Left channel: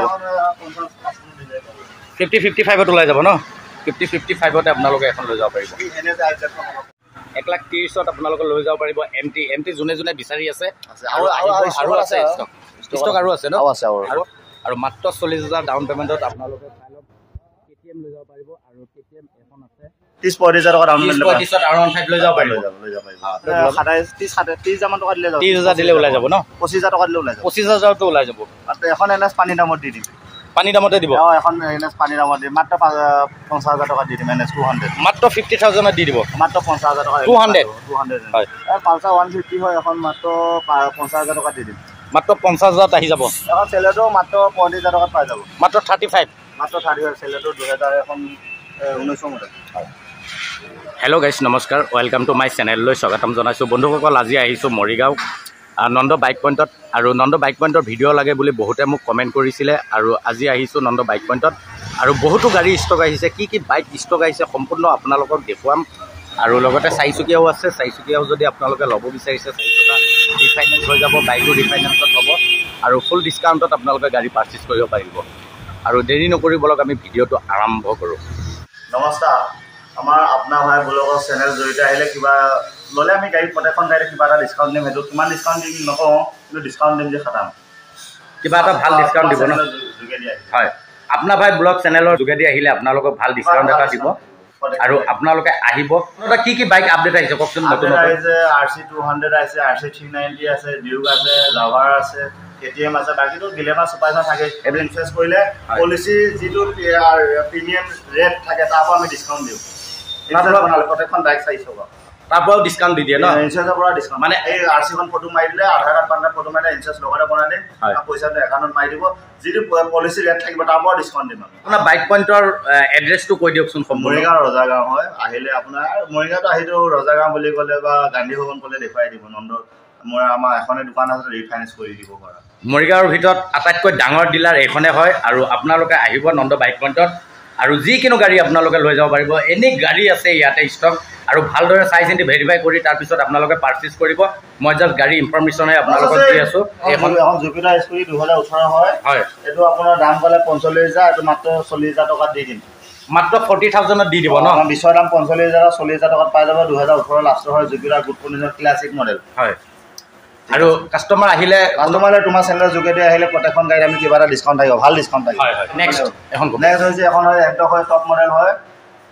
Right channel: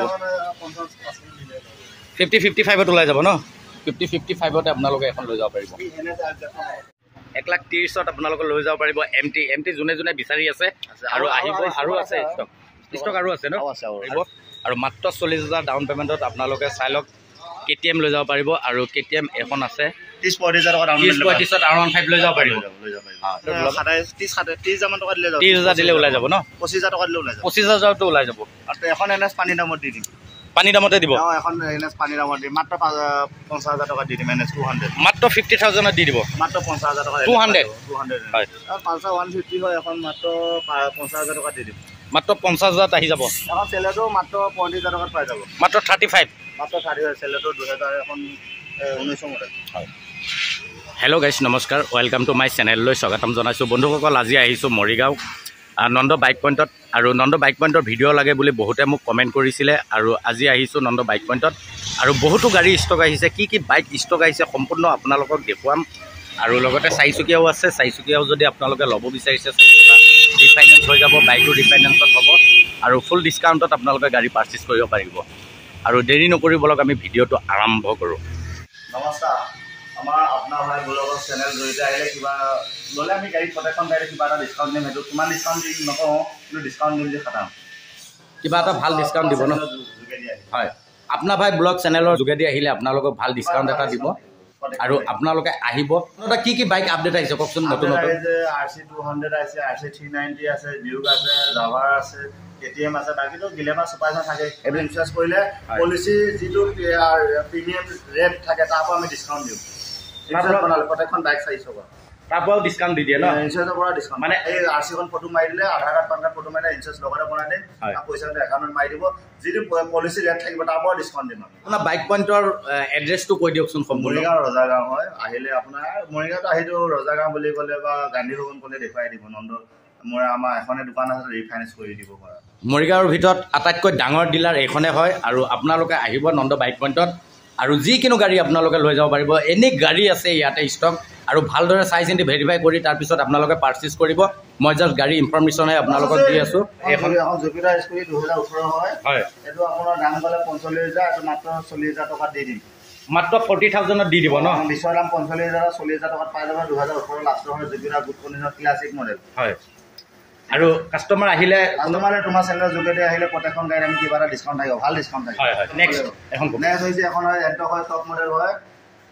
যাব 50-55 ওলাই যাব ন 50-55 আপোনালোকে এখন লৈ যাব পাৰিব 1,30,000 আপোনালোকে লৈ যাব পাৰিব এমটি যোনে যোনে বিচাৰি আছে আৰু আছে ষ্টক আৰু আছে ন আৰু মাত্ৰ 40,000 ডাউন পেমেণ্টত আপোনালোকে চাই লওক KTM লৈ যাব পাৰিব আৰু KTM এখন আছে 30-35,000 টকা ডাউন পেমেণ্ট R15 লৈ যাব পাৰিব 30,000 মান টকা দিলে যাব 30,000 দিলে ওলাই যাব ন 25,000 টকা দিলে ওলাই যাব 25,000 টো ওলাই যাব আৰু এখন এনএছ পানী দামত দি দিম পানী দামতে দিব এখন এনএছ পানী দামত দিম মাত্ৰ 50,000 টকা দি দিম এনএছ 200 মাত্ৰ 50,000 দি দিব মাত্ৰ 50,000 টকা 200 হয় পালছাৰ 150 হয় এখন মাত্ৰ 50,000 টকা দি দিম মাত্ৰ 50,000 আহি যাব এখন চেলেটো মাত্ৰ 35,000 টকাত পাই যাব মাত্ৰ 35 মাত্ৰ 35 চেলেটো 2000 এখন 1900 মডেল হয় হেল্ল' গাইছ নমস্কাৰ ৱেলকাম টু মাই চেনেললৈ স্বাগতম জনাইছোঁ বন্ধুসকল আজি আহিছোঁ মৰিগাঁও নন্দ বাইক পইণ্টত আৰু নন্দ বাইক পইণ্টৰ ভিডিঅ' লাগে বুলি বহুতে মোক কমেণ্ট কৰিছিলে আৰু আজি আহিছোঁ নন্দ বাইক পইণ্টত আৰু বহুতো গাড়ী ষ্টক আহিছে কি বাইক ষ্টক আহিছে সম্পূৰ্ণ আপোনালোকক দেখুৱাম আৰু লগতে চাৰিচকীয়াও আছে চাৰিচকীয়াও যদি আপোনালোকে ল'ব বিচাৰিছে ৰিফাইনেন্স হৈ যাব বাইকো ৰিফাইনেন্সত হ'ব আৰু ফুল ডিছকাউণ্টত আপোনালোকে গাড়ী পাৰ্চেছ কৰিব পাৰিব আৰু দেৰি নকৰি বলক আমি ভিডিঅ'টো আৰম্ভ কৰোঁ নমস্কাৰ আমাৰ আপোনাৰ ভাই ব্লগৰ চেনেল জড়িত আহিলে কিবা ল'লে আমি গাড়ী প্ৰত্যেকখন গাড়ীতে কিবা এটা ডিছকাউণ্ট দিম সেইটো কিমান ডিছকাউণ্ট দিম নকওঁ কিন্তু ডিছকাউণ্ট দিম যে খাটাম কিবা এটা ভাল ডিছকাউণ্ট দিব ন হয় আপোনাৰ ভাই ব্লগ চেনেলৰ যোগেদি আহিলে আপোনালোকক ভাল ডিছকাউণ্ট এটা দিব আৰু আপোনালোকে আহিব কি বাইক আপডেট আহিছে কওকচোন নতুন আহিছে RC 200 আছে RC 390 আছে ডিউক আছে জাভাৰ আছে KTM আছে বাকিটো গিলেমা সুপাৰখন থাকে এভৰি ইনফ্লুয়েন্স কৰিলে পলিসি যেটো প্ৰিমিয়াম ৰেট থাকে তাৰপৰা আমি ডিসকাউন্ট দিও ইনফ্লুয়েন্স বনালে প্ৰত্যেকখন বাইক চাইজ হ'ব তাৰপৰাও ডিসকাউন্ট দি দিয়ে ন ইনফ্লুয়েন্সৰ পৰা ডিসকাউন্ট মানে এই RC খন ফটো মাৰি দিলে আধাৰ কাৰ্ড পান ফটো মাৰি ইনফ্লুয়েন্স লগতে বনাই দিম আৰু পইচাটো একাউণ্টত মাৰি দিব যেটো পলিসি ৰেট থাকিব তাৰপৰা ডিসকাউন্ট দিম আপোনাৰ বাইক পইণ্টৰ এড্ৰেছটো কৈ দিয়কচোন মৰিগাঁও ৰজাগাঁও হয় আহিলে আপোনাৰ মৰিগাঁওটো আহিটো ৰজাগাঁও বুলি ক'লে বা গান্ধী ভৱন ক'লে দেখুৱাই দিব নন্দ মোৰ আমাৰ এখনে দোকান আছে ৰিফাইনেন্স কৰি দিব পৰা মৰিগাঁৱৰ ভিতৰত আটাইতকৈ ডাঙৰ ডিলাৰ এইখনে হয় আৰু আপোনালোকে আহিব নন্দ বাইক পইণ্টত আৰু যিকোনো গাড়ী আপোনালোকে লৈ যাব পাৰিব এনি গাড়ী আছে ইয়াতে ষ্টক আৰু ভালদৰে চাই চিন্তি ভেৰিফাই কৰি তাৰপিছত আপোনালোকে পাৰ্চেছ কৰিব মই জাষ্ট গাড়ী ইনফৰমেশ্যনহে আপোনালোকক দি আছোঁ এখন জুপিটাৰ স্কুটি 2018 হয় এইটো আপোনাৰ দাম ক'লে 45,000 এইটো মাত্ৰ 40,000 টকাত দি দিম মাত্ৰ 40,000 দি দিব ন বিশ্বৰ দাম 45,000 40,000 টকাত পাই যাব 2018 লাষ্টৰ হয় Jupiter good condition classic model হয় আৰু কাস্টমাৰ আহিলে তোমাৰ চেনেলৰ যোগেদি আহিলে প্ৰত্যেকখন গাড়ী আমি কিবা এটা ডিসকাউন্ট থাকিব ভাল ডিসকাউন্ট থাকিব নেক্সট হৈছে এখন হয় এণ্টক হয় টপ মডেল হয়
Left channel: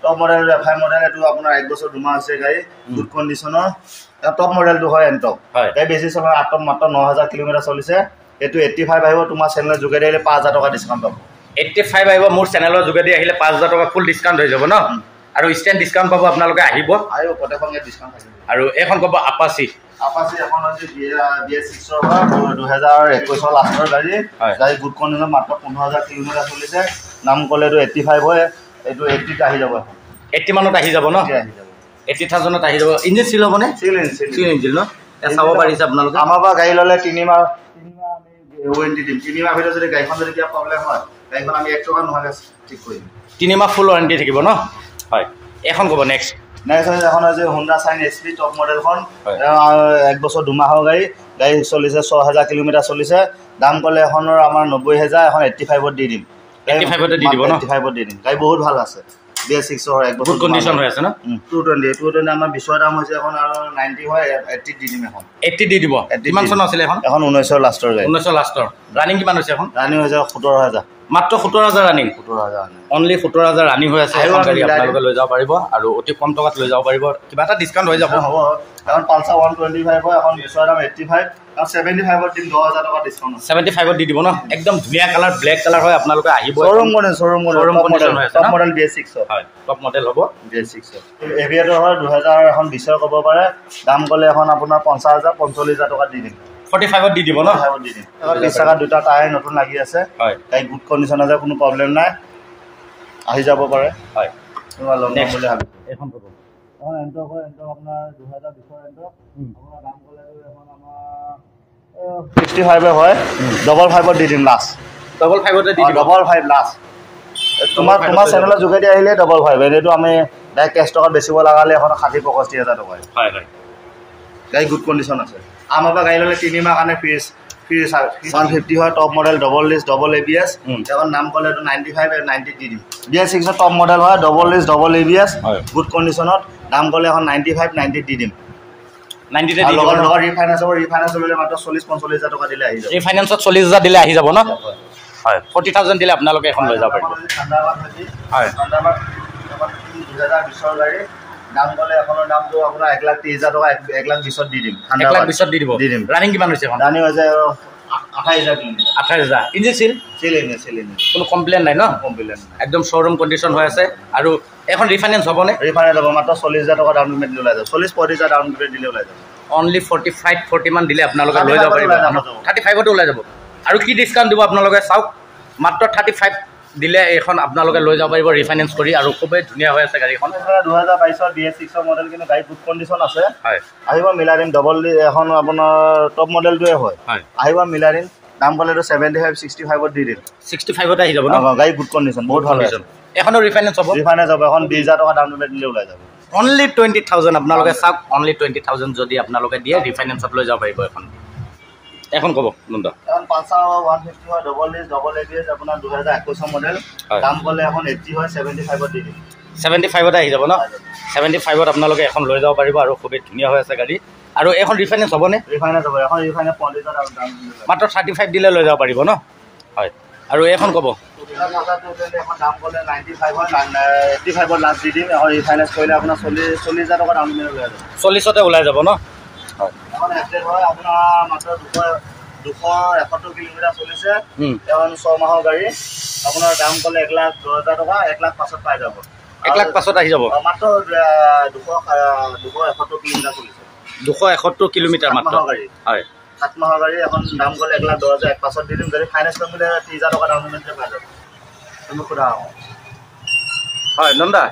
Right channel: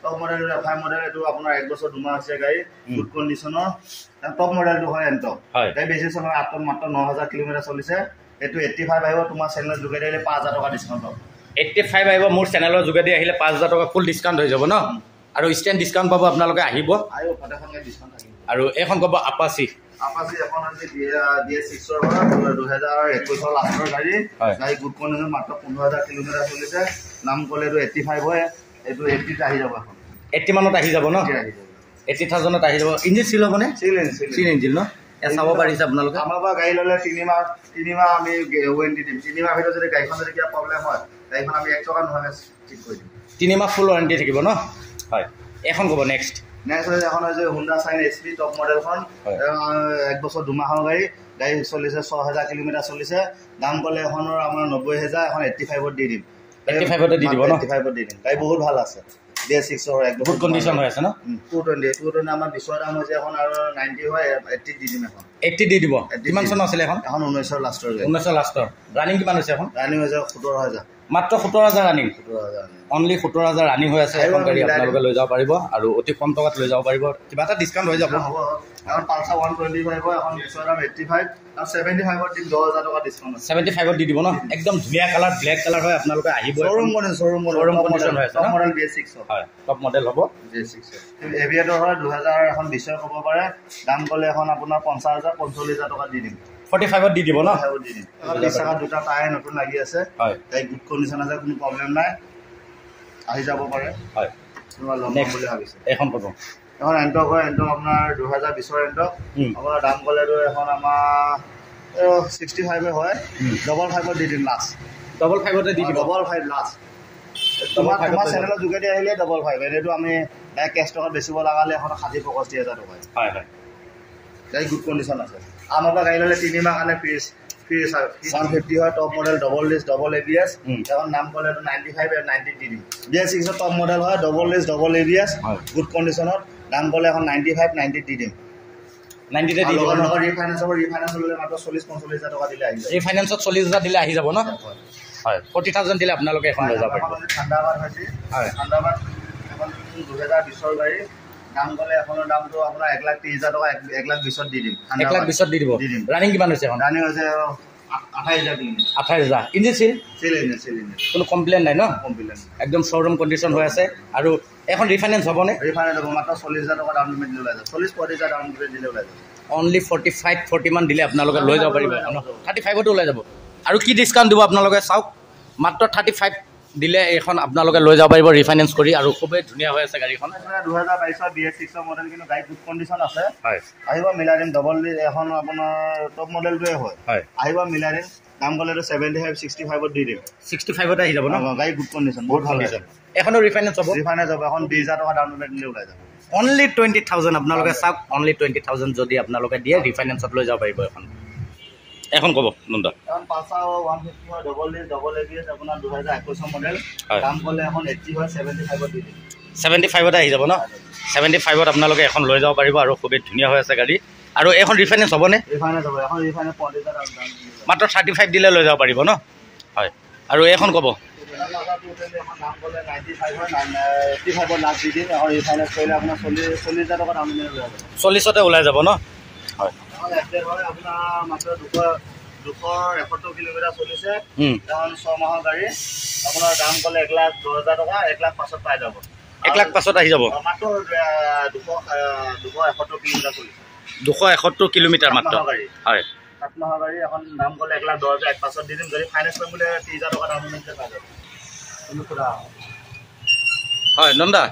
টপ মডেল FI মডেল এইটো আপোনাৰ 1 বছৰ 2 মাহ আছে গাড়ী গুড কণ্ডিশ্যনৰ টপ মডেলটো হয় এণ্টক গাড়ী বেছি চলাৰ আটম মাত্ৰ 9,000 কিলোমিটাৰ চলিছে এইটো 85 আহিব তোমাৰ চেনেলৰ যোগেদি আহিলে 5,000 টকা ডিসকাউন্ট পাব 85 আহিব মোৰ চেনেলৰ যোগেদি আহিলে 5,000 টকা ফুল ডিসকাউন্ট হৈ যাব ন আৰু ষ্টেণ্ড ডিসকাউন্ট পাব আপোনালোকে আহিব প্ৰত্যেকখন গাড়ী ডিসকাউন্ট থাকিব আৰু এখন ক'ব আপাচি এখন আছে BS6 ৰ হয় 2021 লাষ্টৰ গাড়ী গুড কণ্ডিশ্যন মাত্ৰ 15,000 কিলোমিটাৰ চলিছে নাম ক'লেতো 85 হয় এইটো 80 আহি যাব 80 মানত আহি যাব ন আহি যাব 80,000ত আহি যাব ইঞ্জিন সিল হ'বনে সিল ইঞ্জিন ন চাব পাৰিছে আপোনালোকে আমাৰ পৰা গাড়ী ল'লে 3 মাহ আমি ওৱাৰেণ্টি দিম 3 মাহ ভিতৰত যদি গাড়ীখন যদি কিবা প্ৰব্লেম হয় গাড়ীখন আমি 1 টকা নোহোৱাকৈ ঠিক কৰি দিম 3 মাহ ফুল ওৱাৰেণ্টি থাকিব ন হয় এখন ক'ব নেক্সট এখন হৈছে Honda Shine SP টপ মডেলখন 1 বছৰ 2 মাহৰ গাড়ী চলিছে 6,000 কিলোমিটাৰ চলিছে দাম ক'লে এখনৰ আমাৰ 90,000 এখন 85ত দি দিম 85ত দি দিব ন 85ত দি দিম গাড়ী বহুত ভাল আছে BS6 ৰ 1 বছৰ কণ্ডিশ্যন হৈ আছে ন 220 আমাৰ বিশ্বৰ দাম হৈছে এখন আৰু 90 হয় 80 দি দিম এখন 80 দি দিব কিমান চন আছিল এখন 19 লাষ্টৰ গাড়ী 19 লাষ্টৰ ৰানিং কিমান হৈছে এখন ৰানিং হৈছে 17,000 মাত্ৰ 17,000 ৰানিং অনলি 17,000 ৰানিং হৈ আছে আপোনালোকে লৈ যাব পাৰিব আৰু অতি কম টকাত লৈ যাব পাৰিব কিবা এটা ডিসকাউন্ট হৈ যাব হ'ব এখন পালছাৰ 125 হয় এখন বিশ্বৰ দাম 85 আৰু 75ত দিম 10,000 টকা ডিসকাউন্ট 75ত দি দিব ন একদম ধুনীয়া কালাৰ ব্লেক কালাৰ হয় আপোনালোকে আহিব showroom model top model BS6 হয় টপ মডেল হ'ব BS6 এভিয়েটৰ হয় 2000 এখন 20 ক'ব পাৰে দাম ক'লে এখন আপোনাৰ 50,000 45,000 টকা দি দিম 45ত দি দিব ন 45ত দি দিম 30 টাকা দুটা টায়াৰ নতুন লাগি আছে হয় গাড়ী গুড কণ্ডিশ্যন আছে কোনো প্ৰব্লেম নাই আহি যাব পাৰে হয় তোমাৰ লম বুলি ভাবিছে এখন ক'ব এখন এণ্টক হয় এণ্টক আপোনাৰ 2020 এণ্টক আপোনাৰ দাম ক'লেতো এখন আমাৰ 65 হয় 55ত দি দিম লাষ্ট 55তে দি দিব 55 লাষ্ট তোমাৰ চেনেলৰ যোগেদি আহিলে 55 এইটো আমি ডাইৰেক্ট কেছ টকাত বেচিব লগালে এখন 60-65,000 টকা হয় গাড়ী গুড কণ্ডিশ্যন আছে আমাৰ পৰা গাড়ী ল'লে 3 মাহ কাৰণে ফ্ৰী ফ্ৰী 150 হয় top model double disc double ABS এখন নাম ক'লে 95 আৰু 90 দি দিম BS6 টপ মডেল হয় double disc double ABS good কণ্ডিশ্যনত দাম ক'লে এখন 95 90 দি দিম 90 আৰু লগত ৰিফাইনেন্স ল'লে মাত্ৰ 40-45,000 টকা দিলে আহি যাব ৰিফাইনেন্সত 40,000 দিলে আহি যাব ন হয় 40,000 দিলে আপোনালোকে এখন লৈ যাব পাৰিব থান্ডাৰবাৰ্ড হৈছে হয় থান্ডাৰবাৰ্ড এখন 2020 ৰ গাড়ী দাম ক'লে এখনৰ দামটো আপোনাৰ 1,30,000 টকা 1,20,000 দি দিম 1,20,000 দি দিব ৰানিং কিমান হৈছে এখন ৰানিং হৈছে 28,000 কিলোমিটাৰ 28,000 ইঞ্জিন চিল কোনো কমপ্লেইন নাই ন কমপ্লেইন একদম শ্ব'ৰুম কণ্ডিশ্যন হৈ আছে আৰু এখন ৰিফাইনেন্স হ'বনে ৰিফাইনেন্স হ'ব মাত্ৰ 40,000 টকা ডাউন পে'মেণ্ট দিলে ওলাই যাব 40-45,000 ডাউন পে'মেণ্ট দিলে ওলাই যাব অনলি 45-40 মান দিলে আপোনালোকে লৈ যাব পাৰিব 35ত ওলাই যাব আৰু কি ডিছকাউণ্ট দিব আপোনালোকে চাওক মাত্ৰ 35 দিলে এখন আপোনালোকে লৈ যাব পাৰিব ৰিফাইনেন্স কৰি আৰু খুবেই ধুনীয়া হৈ আছে গাড়ীখন 2022 BS6 মডেল কিন্তু গাড়ী গুড কণ্ডিশ্যন আছে হয় আহিব মিলাই দিম ডবল এখন আপোনাৰ টপ মডেলটোৱে হয় আহিব মিলাই দিম দাম ক'লেতো 75-65ত দি দিম 65ত আহি যাব ন গাড়ী গুড কণ্ডিশ্যন বহুত ভাল আছে এখনো ৰিফাইনেন্স হ'ব এখন 20,000 টকা ডাউন পে'মেণ্ট দিলে ওলাই যাব অনলি 20,000 আপোনালোকে চাওক অনলি 20,000 যদি আপোনালোকে দিয়ে ৰিফাইনেন্সত লৈ যাব পাৰিব এখন ক'ব নন্দ এখন পালচাৰ 150 হয় ডবল ডিস্ক ডবল ABS আপোনাৰ 2021 মডেল দাম ক'লে এখন 80 হয় 75ত দি দিম 75ত আহি যাব ন 75ত আপোনালোকে এখন লৈ যাব পাৰিব আৰু খুবেই ধুনীয়া হৈ আছে গাড়ী আৰু এখন ৰিফাইনেন্স হ'বনে ৰিফাইনেন্স হ'ব এখন ৰিফাইনেন্স 50,000 দাম মাত্ৰ 35 দিলে লৈ যাব পাৰিব ন হয় আৰু এখন ক'ব এখন দাম ক'লে 95 হয় 85ত লাষ্ট দি দিম এখন ৰিফাইনেন্স কৰিলে আপোনাৰ 40,000 টকা দাম দিলে ওলাই যাব 40তে ওলাই যাব ন হয় এখন এক্সেল হয় আপোনাৰ মাত্ৰ 271 কিলোমিটাৰ চলিছে এখন 6 মাহৰ গাড়ী আপোনাৰ দাম ক'লে 1,10,000 টকা 1,05,000 পাই যাব 1,05,000 আহি যাব মাত্ৰ 271 কিলোমিটাৰ চলিছে 271 কিলোমিটাৰ মাত্ৰ হয় 7 মাহৰ গাড়ী এখন দাম ক'লে 1,10,000 1,05,000 দি দিম যদি ফাইনেন্স কৰিম বুলি 30,000 টকা ডাউন পে'মেণ্ট পাই যাব তুমি সোধা হয় নন্দা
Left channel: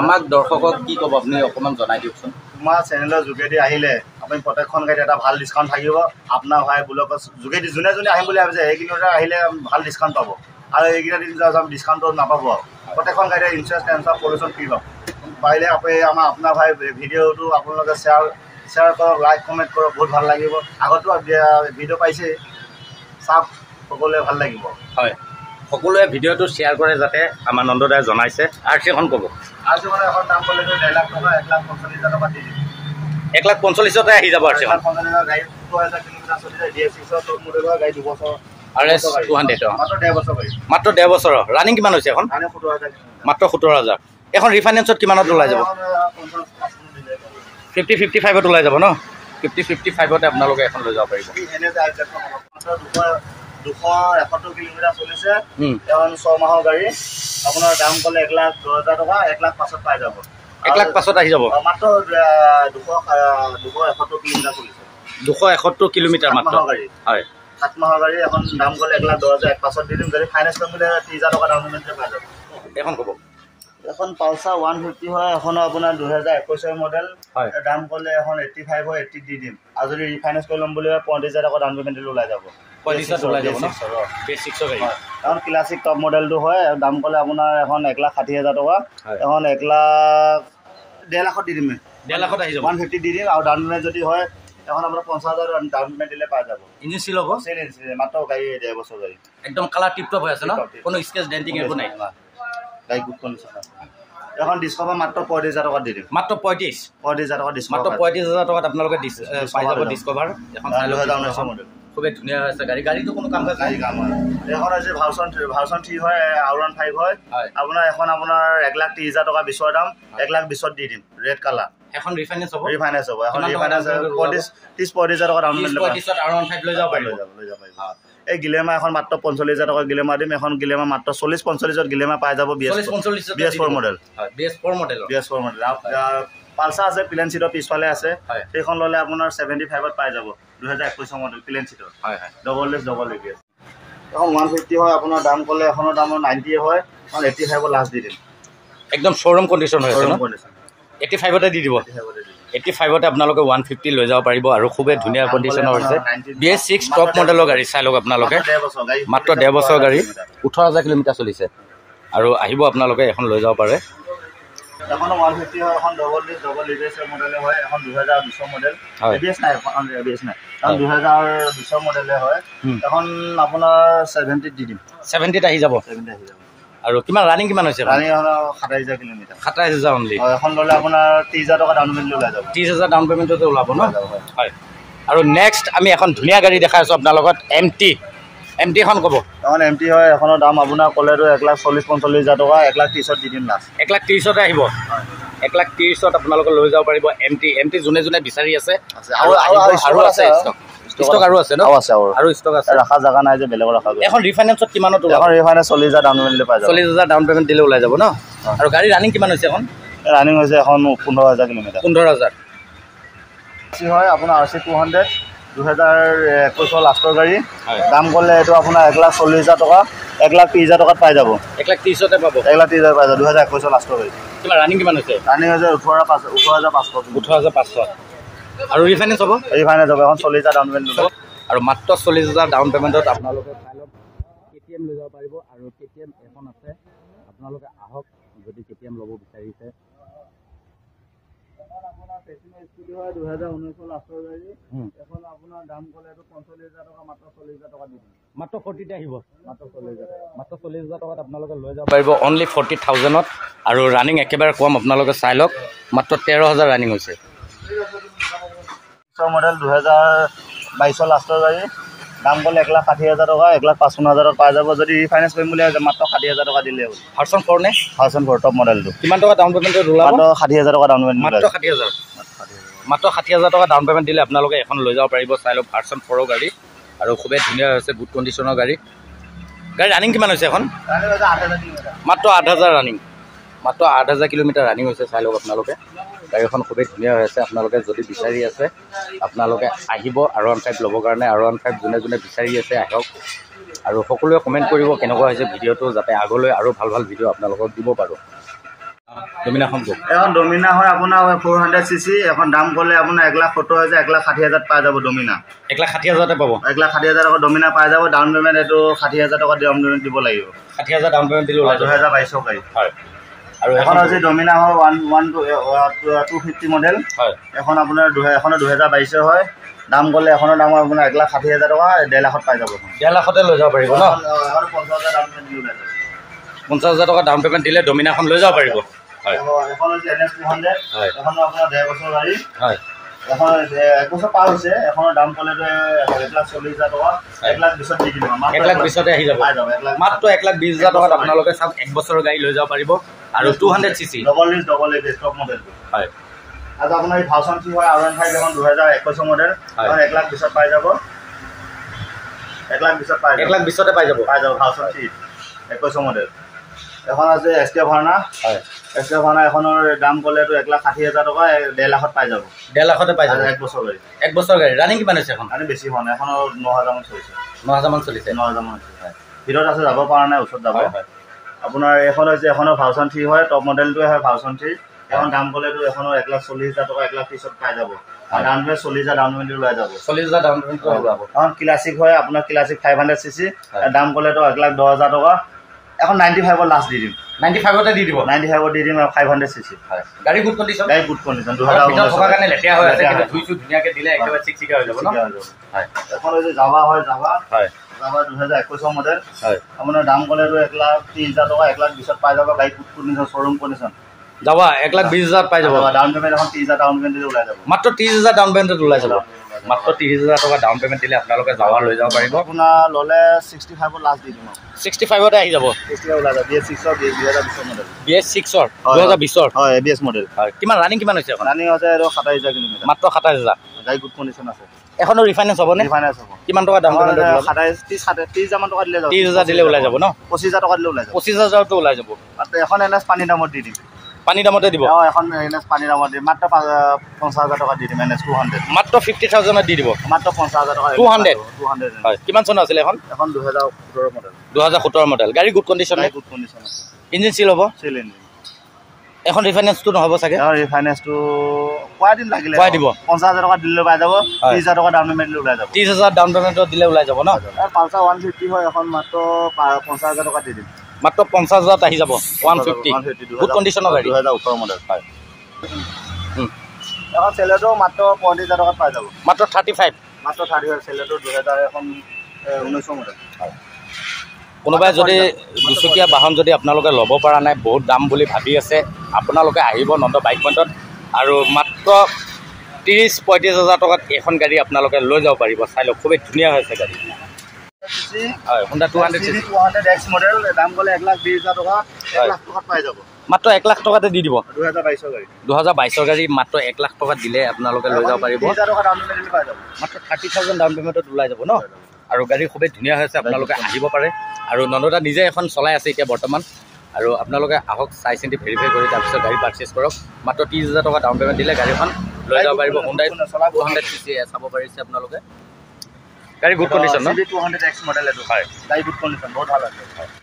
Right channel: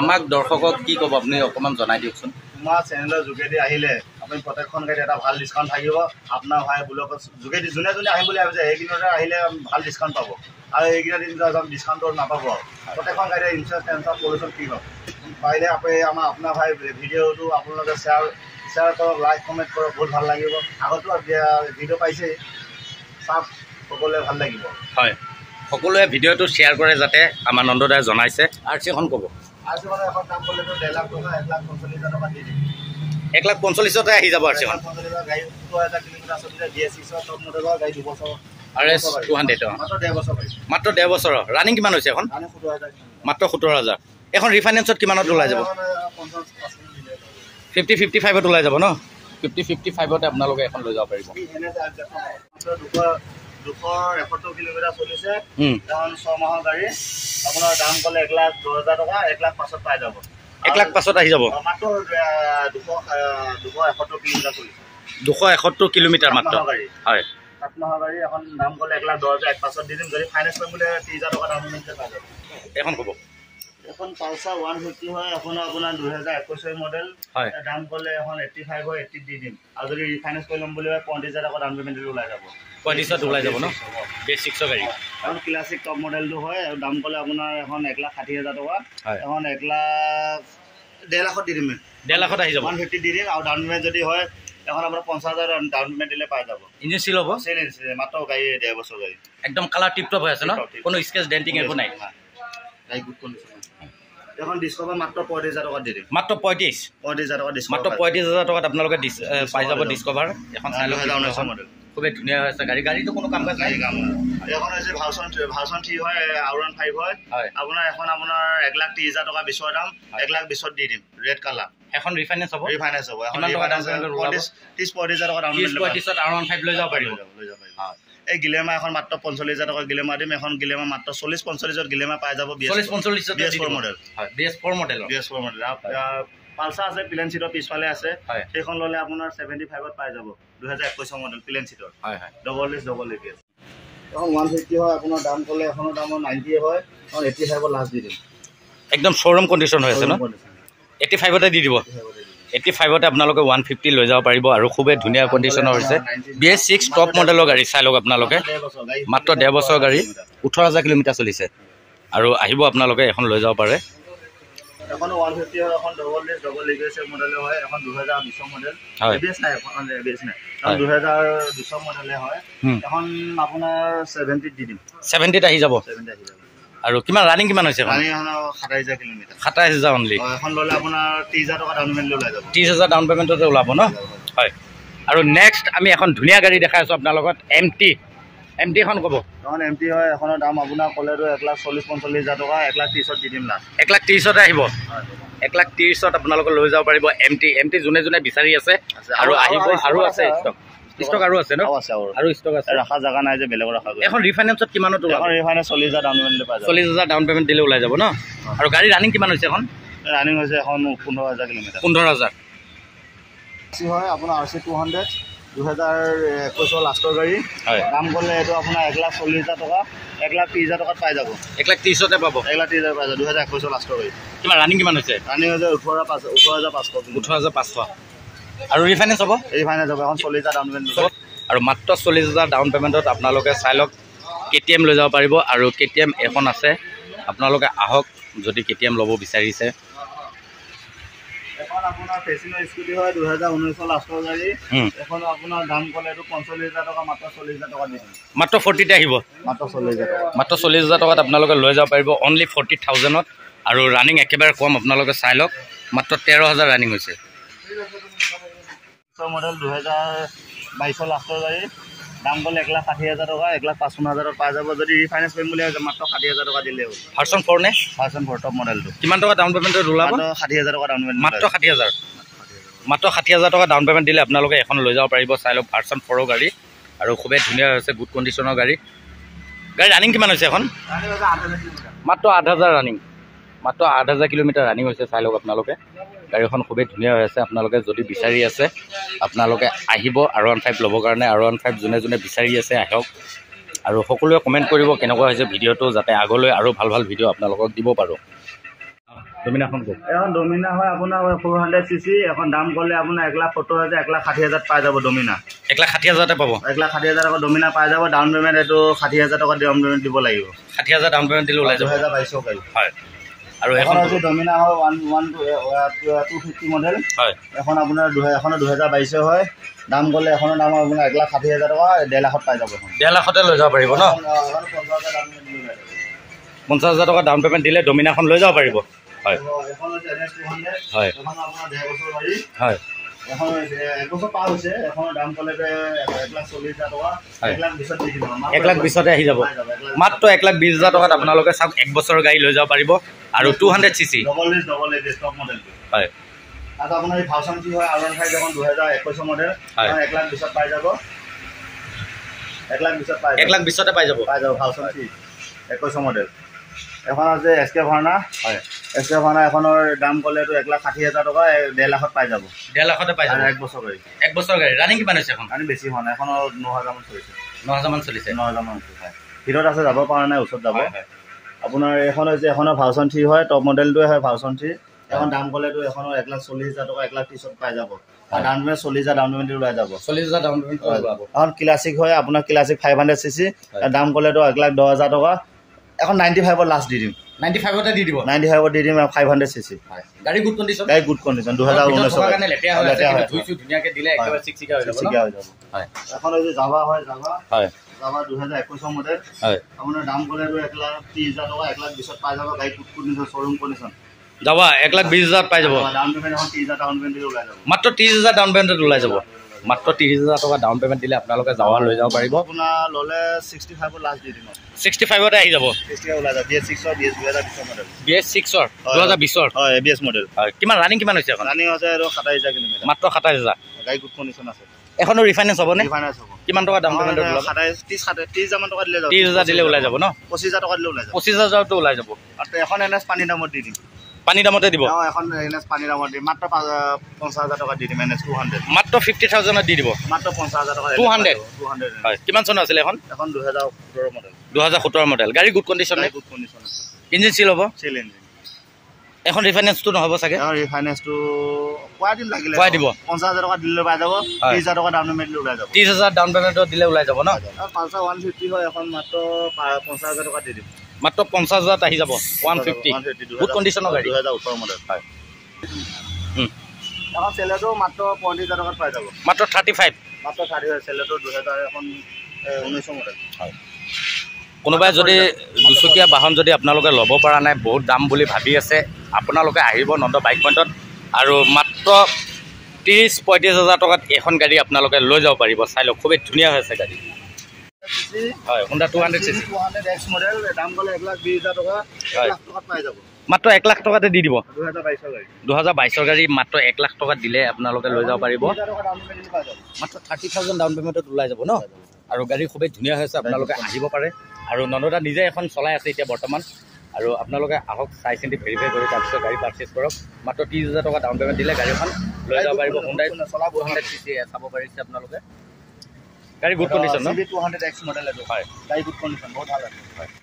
আমাক দৰ্শকক কি ক'ব আপুনি অকণমান জনাই দিয়কচোন তোমাৰ চেনেলৰ যোগেদি আহিলে আপুনি প্ৰত্যেকখন গাড়ীত এটা ভাল ডিছকাউণ্ট থাকিব আপোনাৰ ভাই ব্লগৰ যোগেদি যোনে আহিম বুলি ভাবিছে সেইকেইদিনতে আহিলে ভাল ডিছকাউণ্ট পাব আৰু এইকেইটা দিন ডিছকাউণ্টটো নাপাব প্ৰত্যেকখন গাড়ীতে ইঞ্চুৰেঞ্চ টেনচন পলিউশ্যন ফ্ৰী পাব পাৰিলে আপুনি আপোনাৰ ভাই ভিডিঅ'টো আপোনালোকে শ্বেয়াৰ কৰক লাইক কমেণ্ট কৰক বহুত ভাল লাগিব আগতো ভিডিঅ' পাইছেই চাওক সকলোৱে ভাল লাগিব হয় সকলোৱে ভিডিঅ'টো শ্বেয়াৰ কৰে যাতে আমাৰ নন্দদাই জনাইছে RC এখন ক'ব RC এখন দাম ক'লে 1,00,000 টকা 1,45,000 টকা দি দিম 1,45,000তে আহি যাব RC এখন 1,45,000 গাড়ী 2,000 কিলোমিটাৰ চলিছে BS6 টপ মডেলৰ গাড়ী 2 বছৰ RS 200 মাত্ৰ 1.5 বছৰ গাড়ী মাত্ৰ 1.5 বছৰৰ ৰানিং কিমান হৈছে এখন 17,000 মাত্ৰ 17,000 এখন ৰিফাইনেন্সত কিমানত ওলাই যাব 50-55ত ওলাই যাব ন 50-55তে আপোনালোকে এখন লৈ যাব পাৰিব 271 কিলোমিটাৰ চলিছে এখন 6 মাহৰ গাড়ী আপোনাৰ দাম ক'লে 1,10,000 টকা 1,05,000 পাই যাব 1,05,000 আহি যাব মাত্ৰ 271 কিলোমিটাৰ চলিছে 271 কিলোমিটাৰ মাত্ৰ গাড়ী হয় 7 মাহৰ গাড়ী এখন দাম ক'লে 1,10,000 1,05,000 দি দিম যদি ফাইনেন্স কৰিম বুলি 30,000 টকা ডাউন পে'মেণ্ট পাই যাব এখন ক'ব এখন পালচাৰ 150 হয় এখন আপোনাৰ 2021 মডেল দাম ক'লে এখন 85 হয় 80 দি দিম আৰু যদি ৰিফাইনেন্স কৰি ল'ম বুলি 35,000 টকা ডাউন পে'মেণ্ট দিলে ওলাই যাব এখন ক্লাছিক টপ মডেলটো হয় দাম ক'লে আপোনাৰ এখন 1,60,000 টকা এখন 1,50,000 দি দিম 1,50,000 আহি যাব 150 দি দিম আৰু ডাউন পে'মেণ্ট যদি হয় এখন আপোনাৰ 50,000 ডাউন পে'মেণ্ট দিলে পাই যাব ইঞ্জিন চিল হ'ব মাত্ৰ গাড়ী 1.5 বছৰ গাড়ী একদম কালাৰ টিপটপ হৈ আছে ন কোনো স্কেচ ডেণ্টিং একো নাই গাড়ী গুড কণ্ডিশ্যন আছে এখন ডিস্কভাৰ মাত্ৰ 35,000 টকা দি দিম মাত্ৰ 35,000 টকা ডিস্কভাৰ মাত্ৰ 35,000 টকাত আপোনালোকে পাই যাব ডিস্কভাৰ এখন 2019 মডেল খুবেই ধুনীয়া হৈ আছে গাড়ীটো কোনো কাম কাজ নাই এখন হৈছে ভাৰ্চন 3 হয় R15 হয় আপোনাৰ এখন আপোনাৰ 1,30,000 টকা বিচৰ দাম 1,20,000 দি দিম ৰেড কালাৰ এখন ৰিফাইনেন্স হ'ব এখন ৰিফাইনেন্স 30-40,000 টকা ডাউন পে'মেণ্ট R15 লৈ যাব পাৰিব এই গিলেমা এখন মাত্ৰ 45,000 টকা গিলেমা দিম এখন গিলেমা মাত্ৰ 40-45,000 গিলেমা পাই যাব BS4 মডেল পালচাৰ আছে প্লেন চিটৰ পিছফালে আছে সেইখন ল'লে আপোনাৰ 75ত পাই যাব 2021 মডেল প্লেন চিটৰ ডবল ডিস্ক ডবল ABS এখন 150 হয় আপোনাৰ দাম ক'লে এখনৰ দাম 90 হয় এখন 85ত লাষ্ট দি দিম একদম শ্ব'ৰুম কণ্ডিশ্যন হৈ আছে ন 85তে দি দিব 85তে আপোনালোকে 150 লৈ যাব পাৰিব আৰু খুবেই ধুনীয়া কণ্ডিশ্যনৰ হৈছে BS6 টপ মডেলৰ গাড়ী চাই লওক আপোনালোকে মাত্ৰ 1.5 বছৰ গাড়ী 18,000 কিলোমিটাৰ চলিছে আৰু আহিব আপোনালোকে এখন লৈ যাব পাৰে এখনো 150 হয়, এখন ডবল ডিস্ক ডবল এবিএছ মডেলে হয়, এখন 2020 মডেল। এবিএছ নাই, এখন এবিএছ নাই, এখন 2020 মডেলে হয়। এখন আপোনাৰ 70 দি দিম। 70 আহি যাব। 70 আহি যাব। আৰু কিমান ৰানিং কিমান হৈছে? Running 27000 kilometre. 27000 অনলি। এখন ল'লে আপোনাৰ 30000 টকা ডাউন পেমেণ্ট ওলাই যাব। 30000 ডাউন পেমেণ্টতে ওলাব ন? হয়। আৰু নেক্সট আমি এখন ধুনীয়া গাড়ী দেখাই আছোঁ আপোনাৰ লগত, MT এখন ক'ব। এখন MT হয়, এখনৰ দাম আপোনাৰ ক'লেতো 1,40,45,000 টকা, 1,30,000 দি দিম লাষ্ট। 1,30,000 আহিব। 1,30,000 আপোনালোকে লৈ যাব পাৰিব MT যোনে যোনে বিচাৰি আছে। আৰু আছে ষ্টক আৰু আছে ন? আৰু ষ্টক আছে, ৰাখা জাগা নাই যে বেলেগৰ ৰাখা। এখন ৰিফাইনেন্সত কিমানত ওলাব? এখন ৰিফাইনেন্স 40,000 ডাউন পেমেণ্ট পাই যাব। 40,000 ডাউন পেমেণ্ট দিলে ওলাই যাব ন? আৰু গাড়ী ৰানিং কিমান হৈছে? এখন ৰানিং হৈছে এখন 15,000 কিলোমিটাৰ। 15,000 হয় আপোনাৰ RC 200 2021 লাষ্টৰ গাড়ী। দাম ক'লে এইটো আপোনাৰ 1,40,000 টকা, 1,30,000 টকাত পাই যাব। 1,30,000 পাব। 1,30,000 পাই যাব। 2021 লাষ্টৰ গাড়ী। কিমান ৰানিং কিমান হৈছে? ৰানিং হৈছে 18,500। 18,500 আৰু ৰিফাইনেন্স হ'ব? ৰিফাইনেন্স হ'ব। এখন 40,000 ডাউন পেমেণ্ট দিব। আৰু মাত্ৰ 40,000 ডাউন পেমেণ্টত আপোনালোকে চাই লওক KTM লৈ যাব পাৰিব। আৰু KTM এখন আছে, আপোনালোকে আহক যদি KTM ল'ব বিচাৰিছে। এখন আপোনাৰ ফেচিনো স্কুটি হয় 2019 লাষ্টৰ গাড়ী। এখন আপোনাৰ দাম ক'লে এইটো 45,000 টকা, মাত্ৰ 40,000 টকা দিম। মাত্ৰ 40তে আহিব। মাত্ৰ 40,000 টকা। মাত্ৰ 40,000 টকাত আপোনালোকে লৈ যাব পাৰিব, অনলি 40,000ত। আৰু ৰানিং একেবাৰে কম, আপোনালোকে চাই লওক মাত্ৰ 13,000 ৰানিং হৈছে। মডেল 2022 লাষ্টৰ গাড়ী। দাম ক'লে 1,60,000 টকা, 1,55,000 পাই যাব। যদি ৰিফাইনেন্স কৰিম বুলি ভাবিছে মাত্ৰ 60,000 টকা দিলে হ'ল। ভাৰ্চন 4 নে? ভাৰ্চন 4 টপ মডেলটো। কিমান টকা ডাউন পেমেণ্টত ওলাব? মাত্ৰ 60,000 টকা ডাউন পেমেণ্ট। মাত্ৰ 60,000। মাত্ৰ 60,000 টকা ডাউন পেমেণ্ট দিলে আপোনালোকে এখন লৈ যাব পাৰিব। চাই লওক ভাৰ্চন 4 গাড়ী, আৰু খুবেই ধুনীয়া হৈছে, গুড কণ্ডিশ্যনৰ গাড়ী। ৰানিং কিমান হৈছে এখন? মাত্ৰ 8,000 ৰানিং। মাত্ৰ 8,000 কিলোমিটাৰ ৰানিং হৈছে। চাই লওক আপোনালোকে, গাড়ীখন খুবেই ধুনীয়া হৈ আছে। আপোনালোকে যদি বিচাৰি আছে আপোনালোকে আহিব R15 ল'বৰ কাৰণে। R15 যোনে যোনে বিচাৰি আছে আহক, আৰু সকলোৱে কমেণ্ট কৰিব কেনেকুৱা হৈছে ভিডিঅ'টো, যাতে আগলৈ আৰু ভাল ভাল ভিডিঅ' আপোনালোকক দিব পাৰোঁ। ডমিনাখন কওক। এখন ডমিনা হয় আপোনাৰ 400cc। এখন দাম ক'লে আপোনাৰ 1,70,000, 1,60,000 পাই যাব। ডমিনা 1,60,000তে পাব। 1,60,000 টকা ডমিনা পাই যাব। ডাউন পেমেণ্ট এইটো 60,000 টকা ডাউন পেমেণ্ট দিব লাগিব। 60,000 ডাউন পেমেণ্ট দিলে ওলাই যাব। 2022 গাড়ী। হয়। আৰু এখন হৈছে ডমিনা হয় 250 মডেল। হয়। এখন আপোনাৰ 2022 হয়। দাম ক'লে এখনৰ দাম আপোনাৰ 1,60,000 টকা, 1.5 লাখত পাই যাব। 1.5 লাখতে লৈ যাব পাৰিব ন? 50,000 টকা ডাউন পেমেণ্ট দিলে ডমিনাখন লৈ যাব পাৰিব। হয়। এখন হৈছে NS 200। হয়। এখন আপোনাৰ 1.5 বছৰ গাড়ী। হয়। এখন 1 বছৰ পাৰ হৈছে। এখনৰ দাম ক'লে 1,40,000 টকা, 1,20,000 দি দিম। 1,20,000তে আহি যাব। মাত্ৰ 1,20,000 টকাত আপোনালোকে চাওক 1 বছৰৰ গাড়ী লৈ যাব পাৰিব। আৰু 200cc double disc double ABS top মডেলটো। হয়। আৰু আপোনাৰ এই ভাৰ্চন 3 হয় R15 এখন 2021 মডেল। 1,20,000 পাই যাব। 1,20,000 পাই যাব। 1,20,000তে পাই যাব। Version 3 21 model. এখন আছে SK ভাৰ্না। হয়। SK ভাৰ্না এখনৰ দাম ক'লেতো 1,60,000 টকা, 1.5 লাখত পাই যাব। 1.5 লাখতে পাই যাব। 1 বছৰ গাড়ী। 1 বছৰ গাড়ী। ৰানিং কিমান হৈছে এখন? ৰানিং বেছি হোৱা নাই। এখনৰ 9,000 মান চলিছে। 9,000 মান চলিছে। 9,000 মান। হয়। ভিতৰত আছে, যাব পৰা নাই, ওচৰত যাব। আপোনাৰ এখন হৈছে এখনৰ ভাৰ্চন 3 হয়, টপ মডেলটোৱে হয় ভাৰ্চন 3। এখন দাম ক'লেতো এখনৰ 1,40,000 টকা, 1,30,000 পাই যাব। ডাউন পেমেণ্ট 40,000 ডাউন পেমেণ্ট ওলাই যাব। 40,000 ডাউন পেমেণ্ট ওলাব। এখন ক্লাছিক হয় আপোনাৰ ক্লাছিক 500cc। দাম ক'লেতো 1,10,000 টকা। এখন 95 লাষ্ট দি দিম। 95তে দি দিব। 95 দি দিম। 500cc। হয়। গাড়ী গুড কণ্ডিশ্যন। গাড়ী গুড কণ্ডিশ্যন। 2019 কাৰণে লেতেৰা হৈ আছে, কিন্তু ধুইছো ধুনীয়াকৈ দিলে একেবাৰে চিকচিকা হৈ যাব ন? হয়। এখন হৈছে জাভা হয়। জাভা। হয়। Java 2021 model. হয়। আপোনাৰ দাম ক'লেতো 1,30,000 টকা, 1,20,000 পাই যাব। গাড়ী গুড কণ্ডিশ্যন, শ্বৰুম কণ্ডিশ্যন। যাবা 1,20,000 পাই যাব। ডাউন পেমেণ্ট এখন 30,000 ডাউন পেমেণ্ট দিলে ওলাই যাব। মাত্ৰ 30,000 ডাউন পেমেণ্টত ওলাই যাব। মাত্ৰ 30,000 টকা ডাউন পেমেণ্ট দিলে আপোনালোকে যাৱা লৈ যাব পাৰিব। আপোনাৰ ল'লে 65 লাষ্ট দি দিম। 65তে আহি যাব। 60 ওলাই যাব। BS6 2020 model. BS6 2020 হয়। ABS model. হয়। কিমান ৰানিং কিমান হৈছে এখন? ৰানিং হৈছে 27,000 কিলোমিটাৰ। মাত্ৰ 27,000। গাড়ী গুড কণ্ডিশ্যন আছে। এখনৰ ৰিফাইনেন্স হ'বনে? ৰিফাইনেন্স হ'ব। কিমান টকা ডাউন পেমেণ্ট? 30,000 মান টকা দিলে যাব। 30,000 দিলে ওলাই যাব ন? 25,000 টকা দিলে ওলাই যাব। 25,000টো ওলাই যাব। আৰু এখন NS পানী দামত দি দিম। পানী দামতে দিব? এখন NS পানী দামত দিম। মাত্ৰ 50,000 টকা দি দিম। NS 200 মাত্ৰ 50,000ত দি দিব। মাত্ৰ 50,000 টকা। 200 হয়। কিমান চনৰ আছিলে এখন? এখন 2017 মডেল। 2017 মডেল। গাড়ী গুড কণ্ডিশ্যন। গুড কণ্ডিশ্যন আছে। ইঞ্জিন চিল হ'ব? চিল ইঞ্জিন। এখন ৰিফাইনেন্সটো নহ'ব চাগে? ৰিফাইনেন্সটো কোৱাই দিম লাগিলে। কোৱাই দিব। 50,000 টকা দিলে পাই যাব। 30,000 টকা ডাউন পেমেণ্ট দিলে ওলাই যাব। 30,000 ডাউন পেমেণ্টত দিলে ওলাই যাব ন? পালচাৰ 150 হয়। এখন মাত্ৰ 50,000 টকা দি দিম। মাত্ৰ 50,000 আহি যাব 150 গুড কণ্ডিশ্যনৰ গাড়ী 2018 মডেল হয় এখন চেলেটো মাত্ৰ 35,000 টকাত পাই যাব মাত্ৰ 35 মাত্ৰ 35 চেলেটো 2000 এখন 19 মডেল হয় কোনোবাই যদি দুচকীয়া বাহন যদি আপোনালোকে ল'ব পৰা নাই বহুত দাম বুলি ভাবি আছে আপোনালোকে আহিব নন্দ বাইক পইণ্টত আৰু মাত্ৰ 30-35,000 টকাত এখন গাড়ী আপোনালোকে লৈ যাব পাৰিব চাই লওক খুবেই ধুনীয়া হৈছে গাড়ী হয় Honda 200X মডেল দাম গ'লে 1,20,000 টকা 1 লাখ টকাত পাই যাব মাত্ৰ 1 লাখ টকাতে দি দিব 2022 গাড়ী 2022 গাড়ী মাত্ৰ 1 লাখ টকাত দিলে আপোনালোকে লৈ যাব পাৰিব 30,000 টকা ডাউন পেমেণ্ট পাই যাব মাত্ৰ 30,000 ডাউন পেমেণ্টত ওলাই যাব ন আৰু গাড়ী খুবেই ধুনীয়া হৈছে আপোনালোকে আহিব পাৰে আৰু নন্দদা নিজে এখন চলাই আছে এতিয়া বৰ্তমান আৰু আপোনালোকে আহক চাই চিন্তি ভেৰিফাই কৰি তাৰপিছত গাড়ী পাৰ্চেছ কৰক মাত্ৰ 30,000 টকা ডাউন পেমেণ্ট দিলে গাড়ীখন লৈ যাব পাৰিব Hyundai 200cc চাব পাৰিছে আপোনালোকে গাড়ী গুড কণ্ডিশ্যন ন 200X মডেল এইটো হয় গাড়ী গুড কণ্ডিশ্যন বহুত ভাল আছে